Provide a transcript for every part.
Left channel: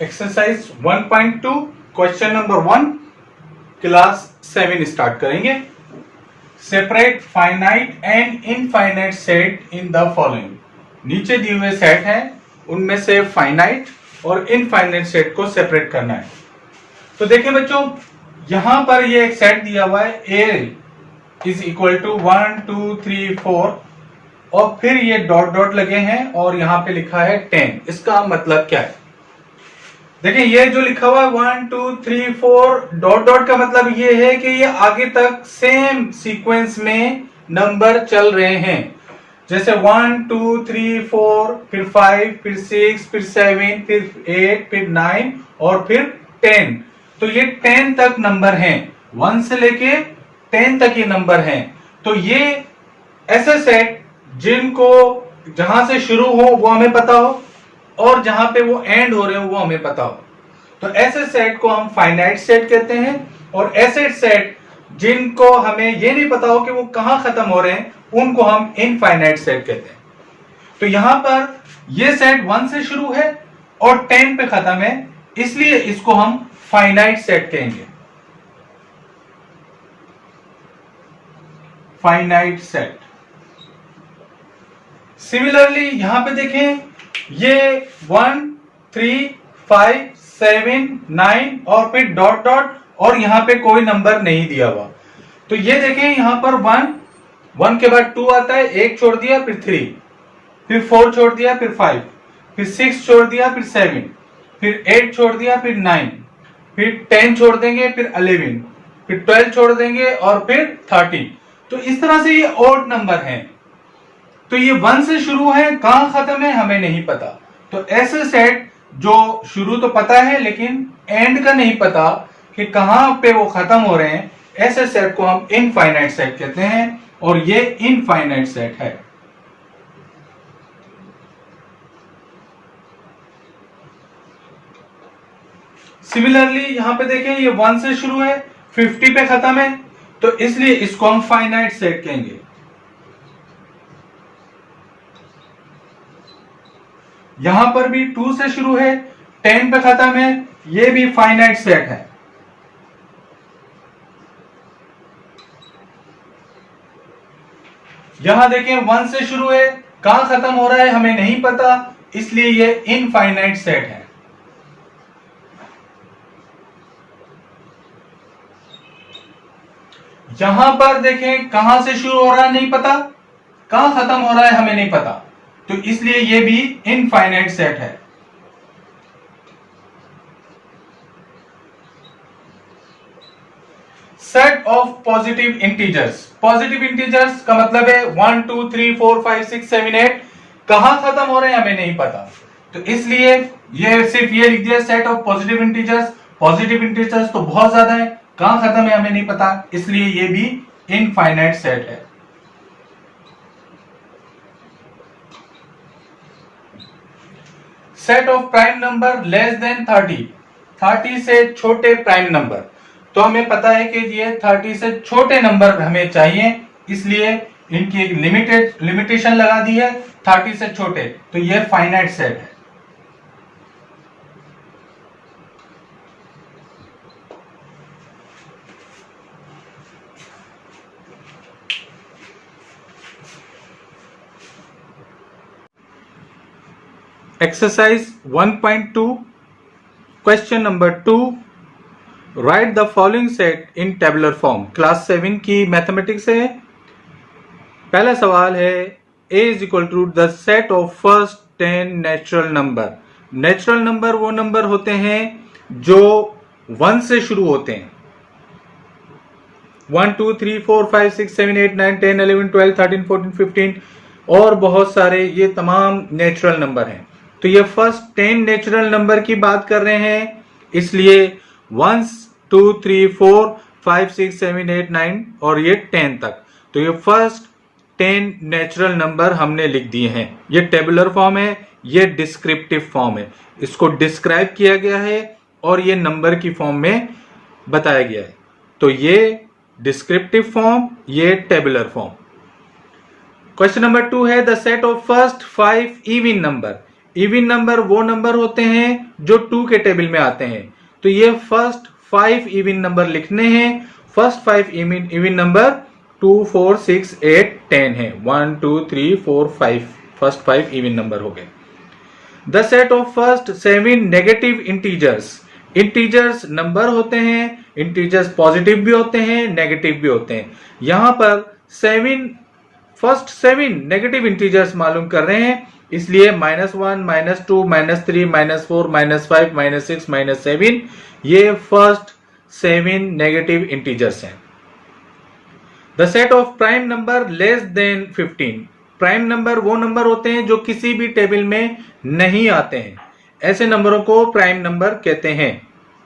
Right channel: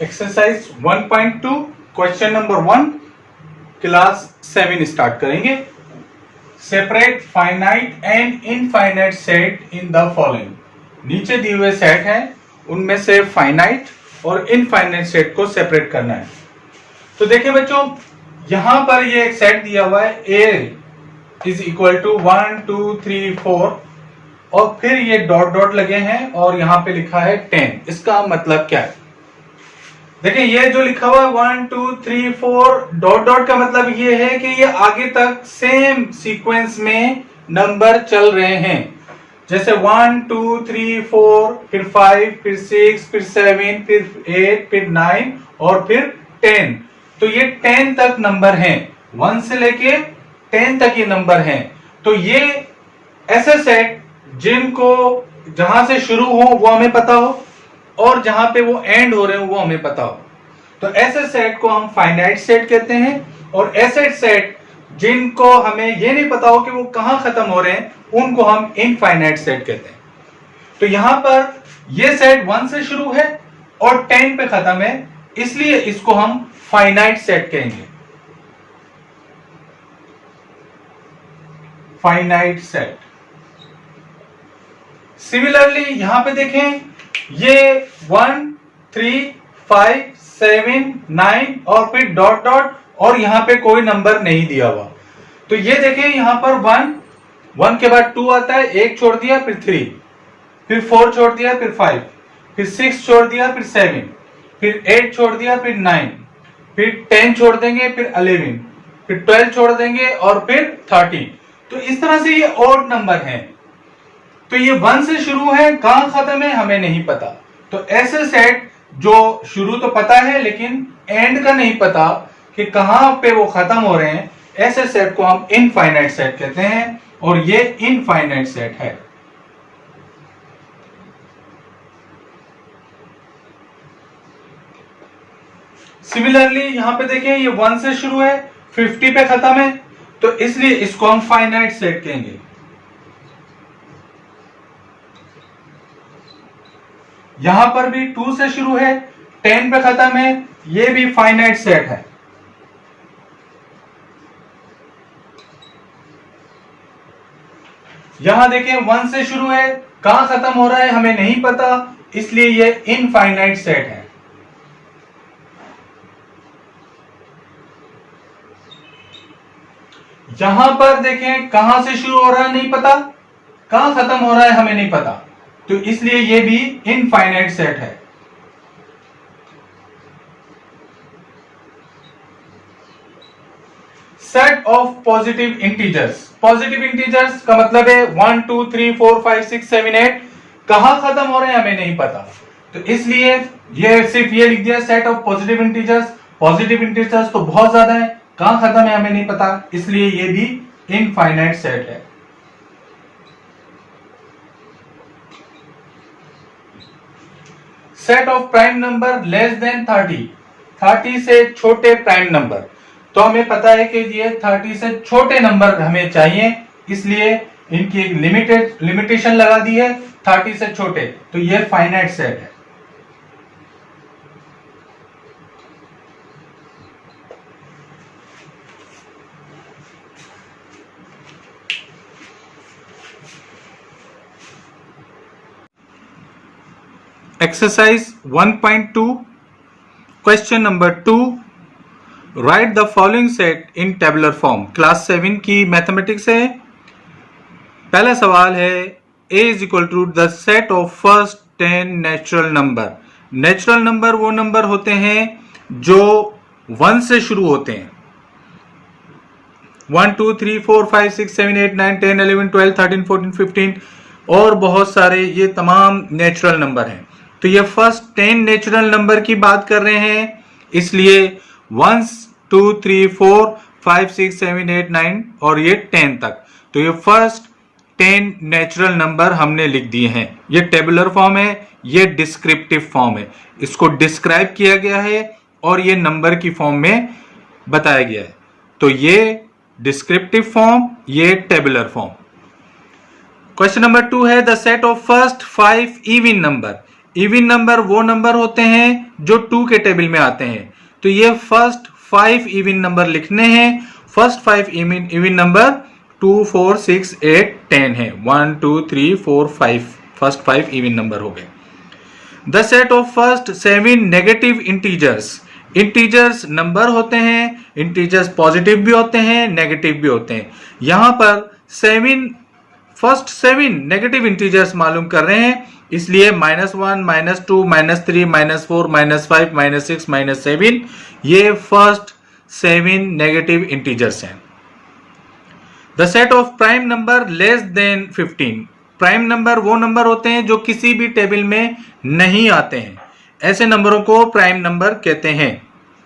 Exercise 1.2 question number 1 class 7 start करेंगे। Separate finite and infinite set in the following. नीचे दिए हुए set हैं, उनमें से फाइनाइट और इनफाइनाइट सेट को सेपरेट करना है। तो देखिए बच्चों, यहां पर ये एक सेट दिया हुआ है ए इज इक्वल टू 1 2 3 4 और फिर ये डॉट डॉट लगे हैं और यहां पे लिखा है 10। इसका मतलब क्या है? देखिए ये जो लिखा हुआ है 1 2 3 4 डॉट डॉट का मतलब ये है कि ये आगे तक सेम सीक्वेंस में नंबर चल रहे हैं। जैसे 1 2 3 4 फिर 5 फिर 6 फिर 7 फिर 8 फिर 9 और फिर 10। तो ये 10 तक नंबर हैं, 1 से लेके 10 तक ये नंबर हैं। तो ये ऐसे सेट जिनको जहां से शुरू हो वो हमें पता हो और जहां पे वो एंड हो रहे हो वो हमें पता हो, तो ऐसे सेट को हम फाइनाइट सेट कहते हैं। और ऐसे सेट जिनको हमें ये नहीं पता हो कि वो कहां खत्म हो रहे हैं उनको हम इनफाइनाइट सेट कहते हैं। तो यहां पर ये सेट 1 से शुरू है और 10 पे खत्म है, इसलिए इसको हम फाइनाइट सेट कहेंगे। Finite set. सिमिलरली यहां पे देखें, ये 1 3 5 7 9 और फिर डॉट डॉट और यहां पे कोई नंबर नहीं दिया हुआ। तो ये देखें यहां पर 1 के बाद 2 आता है, 1 छोड़ दिया फिर 3 फिर 4 छोड़ दिया फिर 5 फिर 6 छोड़ दिया फिर 7 फिर 8 छोड़ दिया फिर 9 फिर 10 छोड़ देंगे फिर 11 फिर 12 छोड़ देंगे और फिर 30। तो इस तरह से ये ऑड नंबर हैं। तो ये 1 से शुरू है, कहां खत्म है हमें नहीं पता। तो ऐसे सेट जो शुरू तो पता है लेकिन एंड का नहीं पता कि कहां पे वो खत्म हो रहे हैं, ऐसे सेट को हम इनफाइनाइट सेट कहते हैं और ये इनफाइनाइट सेट है। सिमिलरली यहां पे देखें, ये 1 से शुरू है 50 पे खत्म है, तो इसलिए इसको हम फाइनाइट सेट कहेंगे। यहां पर भी 2 से शुरू है 10 पे खत्म है, ये भी फाइनाइट सेट है। यहां देखें 1 से शुरू है, कहां खत्म हो रहा है हमें नहीं पता, इसलिए ये इनफाइनाइट सेट है। यहां पर देखें कहां से शुरू हो रहा है नहीं पता, कहां खत्म हो रहा है हमें नहीं पता, तो इसलिए ये भी इनफाइनाइट सेट है। Set of positive integers. Positive integers का मतलब है 1 2 3 4 5 6 7 8, कहां खत्म हो रहे हैं हमें नहीं पता, तो इसलिए ये सिर्फ ये लिख दिया set of positive integers. Positive integers तो बहुत ज्यादा है, कहां खत्म है हमें नहीं पता, इसलिए ये भी इनफाइनाइट सेट है। Set of prime number less than 30 से छोटे प्राइम नंबर। तो हमें पता है कि ये 30 से छोटे नंबर हमें चाहिए, इसलिए इनकी एक लिमिटेशन लगा दी है 30 से छोटे, तो ये फाइनाइट सेट है। Exercise 1.2 question number 2, write the following set in tabular form. Class 7 की मैथमेटिक्स है। पहला सवाल है a is equal to the set of first 10 natural number. Natural number वो नंबर होते हैं जो 1 से शुरू होते हैं। 1 2 3 4 5 6 7 8 9 10 11 12 13 14 15 और बहुत सारे ये तमाम नेचुरल नंबर हैं। तो ये फर्स्ट 10 नेचुरल नंबर की बात कर रहे हैं, इसलिए 1 2 3 4 5 6 7 8 9 और ये 10 तक। तो ये फर्स्ट 10 नेचुरल नंबर हमने लिख दिए हैं। ये टेबुलर फॉर्म है, ये डिस्क्रिप्टिव फॉर्म है। इसको डिस्क्राइब किया गया है और ये नंबर की फॉर्म में बताया गया है। तो ये डिस्क्रिप्टिव फॉर्म, ये टेबुलर फॉर्म। क्वेश्चन नंबर 2 है the set of first 5 even number. Even number वो नंबर होते हैं जो 2 के टेबल में आते हैं। तो ये फर्स्ट 5 इवन नंबर लिखने हैं। फर्स्ट 5 इवन नंबर 2 4 6 8 10 है। 1 2 3 4 5 फर्स्ट 5 इवन नंबर हो गए। The set of first 7 negative integers. Integers number होते हैं, इंटीजर्स पॉजिटिव भी होते हैं, नेगेटिव भी होते हैं। यहां पर फर्स्ट 7 नेगेटिव इंटीजर्स मालूम कर रहे हैं, इसलिए -1 -2 -3 -4 -5 -6 -7 ये फर्स्ट 7 नेगेटिव इंटीजर्स हैं। The set of prime number less than 15। Prime number वो नंबर होते हैं जो किसी भी टेबल में नहीं आते हैं। ऐसे नंबरों को प्राइम नंबर कहते हैं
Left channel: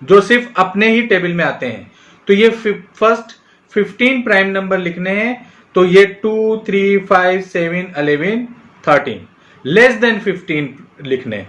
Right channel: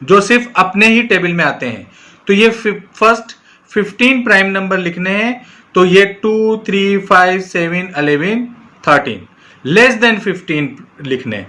जो सिर्फ अपने ही टेबल में आते हैं। तो ये फर्स्ट 15 प्राइम नंबर लिखने हैं। तो ये 2 3 5 7 11 13 लेस देन 15 लिखने।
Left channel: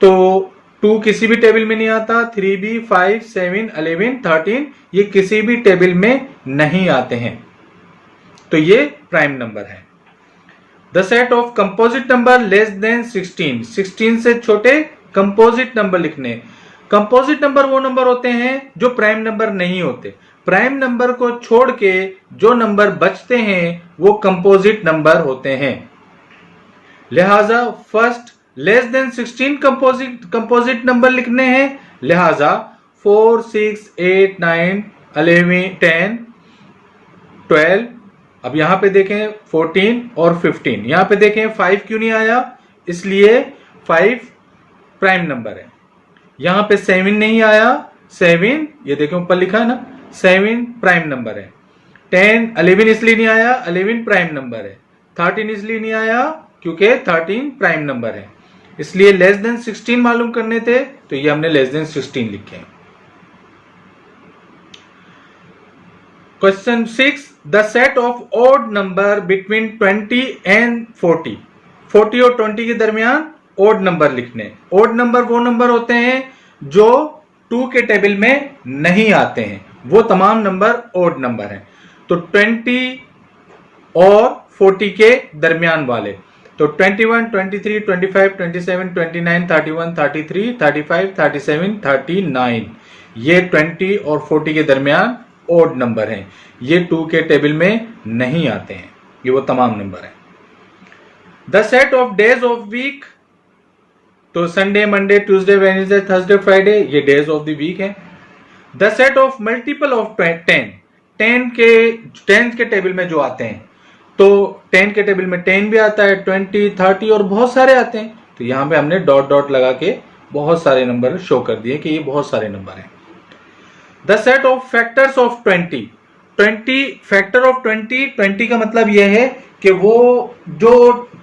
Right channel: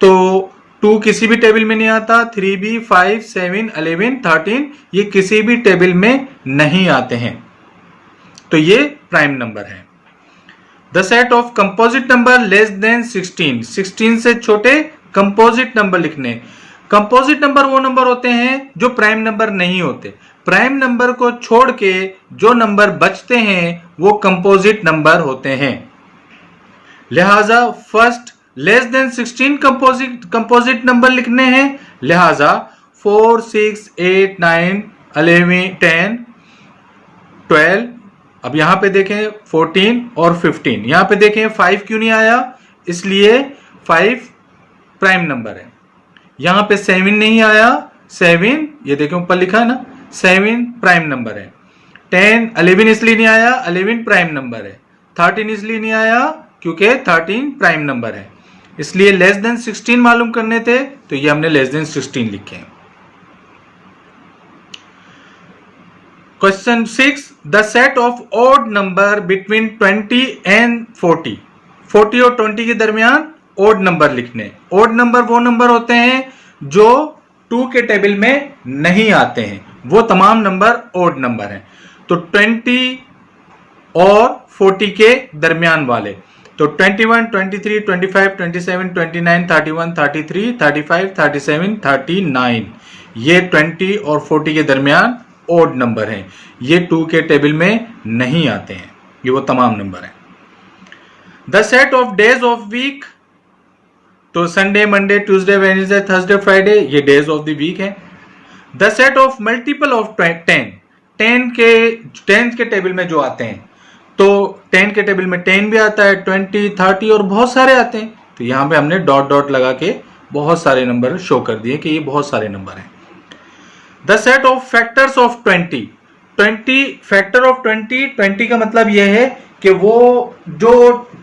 तो 2 किसी भी टेबल में नहीं आता, 3 भी, 5 7 11 13 ये किसी भी टेबल में नहीं आते हैं। तो ये प्राइम नंबर है। The set of composite number less than 16। 16 से छोटे कंपोजिट नंबर लिखने। कंपोजिट नंबर वो नंबर होते हैं जो प्राइम नंबर नहीं होते। प्राइम नंबर को छोड़ के जो नंबर बचते हैं वो कंपोजिट नंबर होते हैं। लिहाजा first less than 16 composite number लिखने हैं। लिहाजा 4 6 8 9 11 10 12। अब यहां पे देखें 14 और 15। यहां पे देखें 5 क्यों नहीं आया, इसलिए 5 प्राइम नंबर है। यहां पे 7 नहीं आया, 7 ये देखें ऊपर लिखा है ना, 7 प्राइम नंबर है। 10 11 इसलिए नहीं आया, 11 प्राइम नंबर है। 13 इसलिए नहीं आया क्योंकि 13 प्राइम नंबर है। इसलिए लेस देन 16 मालूम करने थे, तो ये हमने लेस देन 16 लिखे हैं। Question 6 the set of odd number between 20 and 40। 40 और 20 के दरमियान ऑड नंबर लिखने। ऑड नंबर वो नंबर होते हैं जो 2 के टेबल में नहीं आते हैं, वो तमाम नंबर ऑड नंबर हैं। तो 20 और 40 के दरमियान वाले, तो 21 23 25 27 29 31 33 35 37 39 ये 20 और 40 के दरमियान ऑड नंबर हैं। ये 2 के टेबल में नहीं आते हैं, ये वो तमाम नंबर हैं। The set of days of week, तो Sunday Monday Tuesday Wednesday Thursday Friday ये डेज ऑफ द वीक है। The set of multiple of 10। 10 के टेबल में जो आते हैं, तो 10 के टेबल में 10 भी आता है, 20 30 और बहुत सारे आते हैं। तो यहां पे हमने डॉट डॉट लगा के बहुत सारे नंबर शो कर दिए कि ये बहुत सारे नंबर हैं। The set of factors of 20। Factor of 20 का मतलब यह है कि वो जो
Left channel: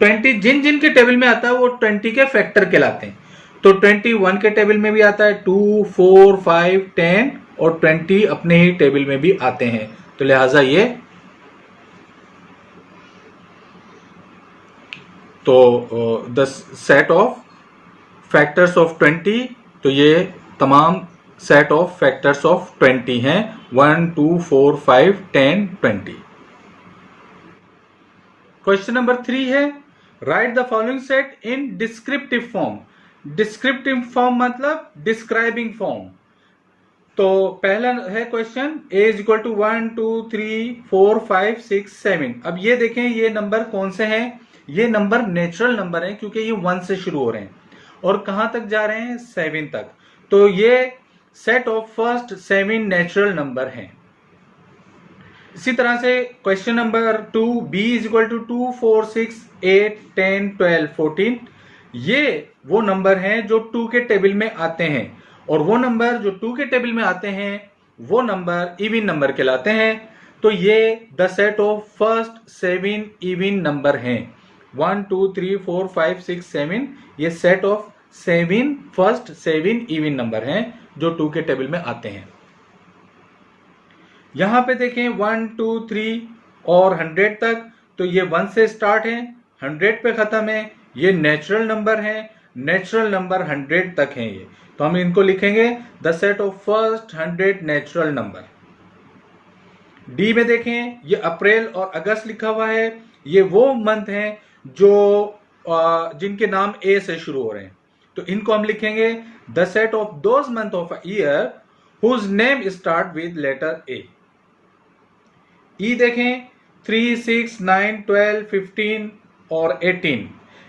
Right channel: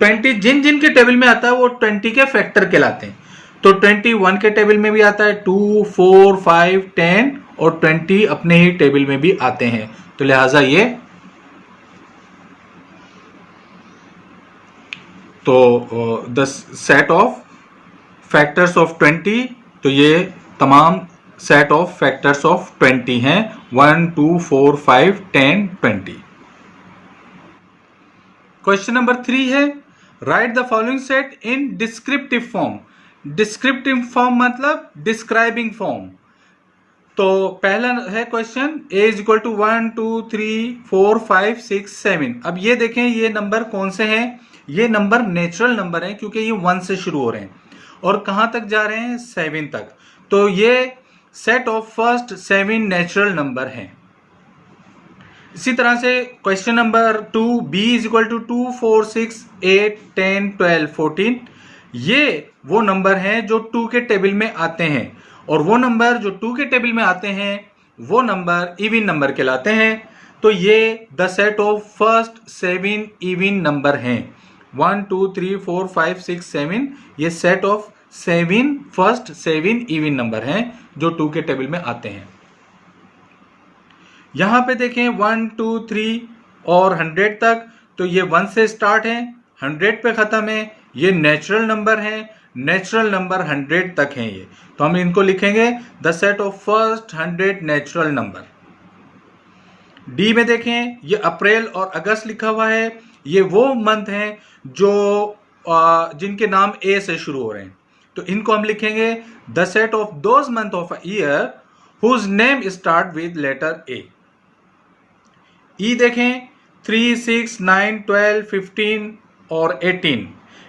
20 जिन जिन के टेबल में आता है वो 20 के फैक्टर कहलाते हैं। तो 21 के टेबल में भी आता है, 2 4 5 10 और 20 अपने ही टेबल में भी आते हैं। तो लिहाजा ये the set of factors of 20, तो ये तमाम सेट ऑफ फैक्टर्स ऑफ 20 हैं, 1 2 4 5 10 20। क्वेश्चन नंबर 3 है write the following set in descriptive form. Descriptive form मतलब डिस्क्राइबिंग फॉर्म। तो पहला है question a is equal to 1 2 3 4 5 6 7। अब ये देखें ये नंबर कौन से हैं, ये नंबर नेचुरल नंबर हैं क्योंकि ये 1 से शुरू हो रहे हैं और कहां तक जा रहे हैं, 7 तक। तो ये set of first 7 natural number हैं। इसी तरह से question number 2 b is equal to 2 4 6 8 10 12 14। ये वो नंबर हैं जो 2 के टेबल में आते हैं और वो नंबर जो 2 के टेबल में आते हैं वो नंबर इवन नंबर कहलाते हैं। तो ये the set of first 7 even number हैं। 1 2 3 4 5 6 7 ये set of 7 first 7 even number हैं जो 2 के टेबल में आते हैं। यहां पे देखें 1 2 3 और 100 तक, तो ये 1 से स्टार्ट है, 100 पे खत्म है। ये नेचुरल नंबर है, नेचुरल नंबर 100 तक हैं ये। तो हम इनको लिखेंगे the set of first 100 natural number. D में देखें ये अप्रैल और अगस्त लिखा हुआ है, ये वो मंथ हैं जो जिनके नाम ए से शुरू हो रहे हैं, तो इनको हम लिखेंगे the set of those month of a year whose name start with letter A. ई देखें 3, 6, 9, 12, 15 और 18,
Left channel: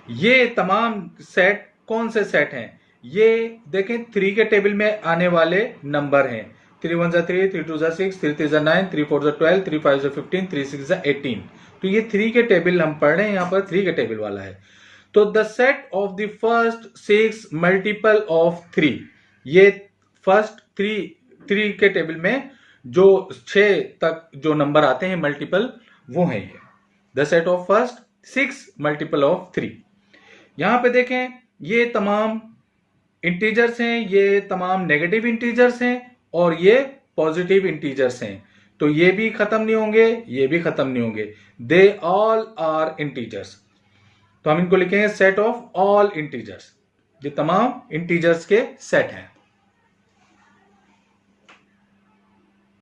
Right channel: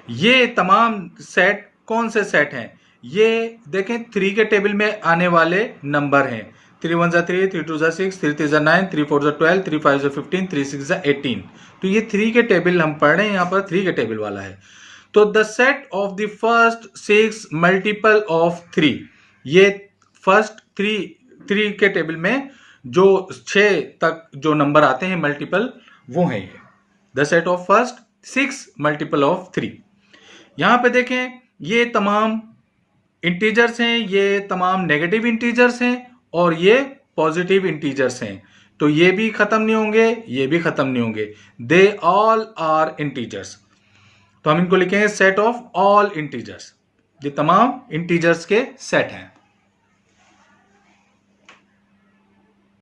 ये तमाम सेट कौन से सेट हैं? ये देखें 3 के टेबल में आने वाले नंबर हैं। 3 1 3, 3 2 6, 3 3 9, 3 4 12, 3 5 15, 3 6 18। तो ये 3 के टेबल हम पढ़ रहे हैं, यहां पर 3 के टेबल वाला है। तो the set of the first 6 multiple of 3, ये फर्स्ट 3 के टेबल में जो 6 तक जो नंबर आते हैं मल्टीपल, वो है ये the set of first 6 multiple of 3। यहां पे देखें ये तमाम इंटीजर्स हैं, ये तमाम नेगेटिव इंटीजर्स हैं और ये पॉजिटिव इंटीजर्स हैं। तो ये भी खत्म नहीं होंगे, ये भी खत्म नहीं होंगे। They all are integers. तो हम इनको लिखेंगे सेट ऑफ ऑल इंटीजर्स, ये तमाम इंटीजर्स के सेट हैं।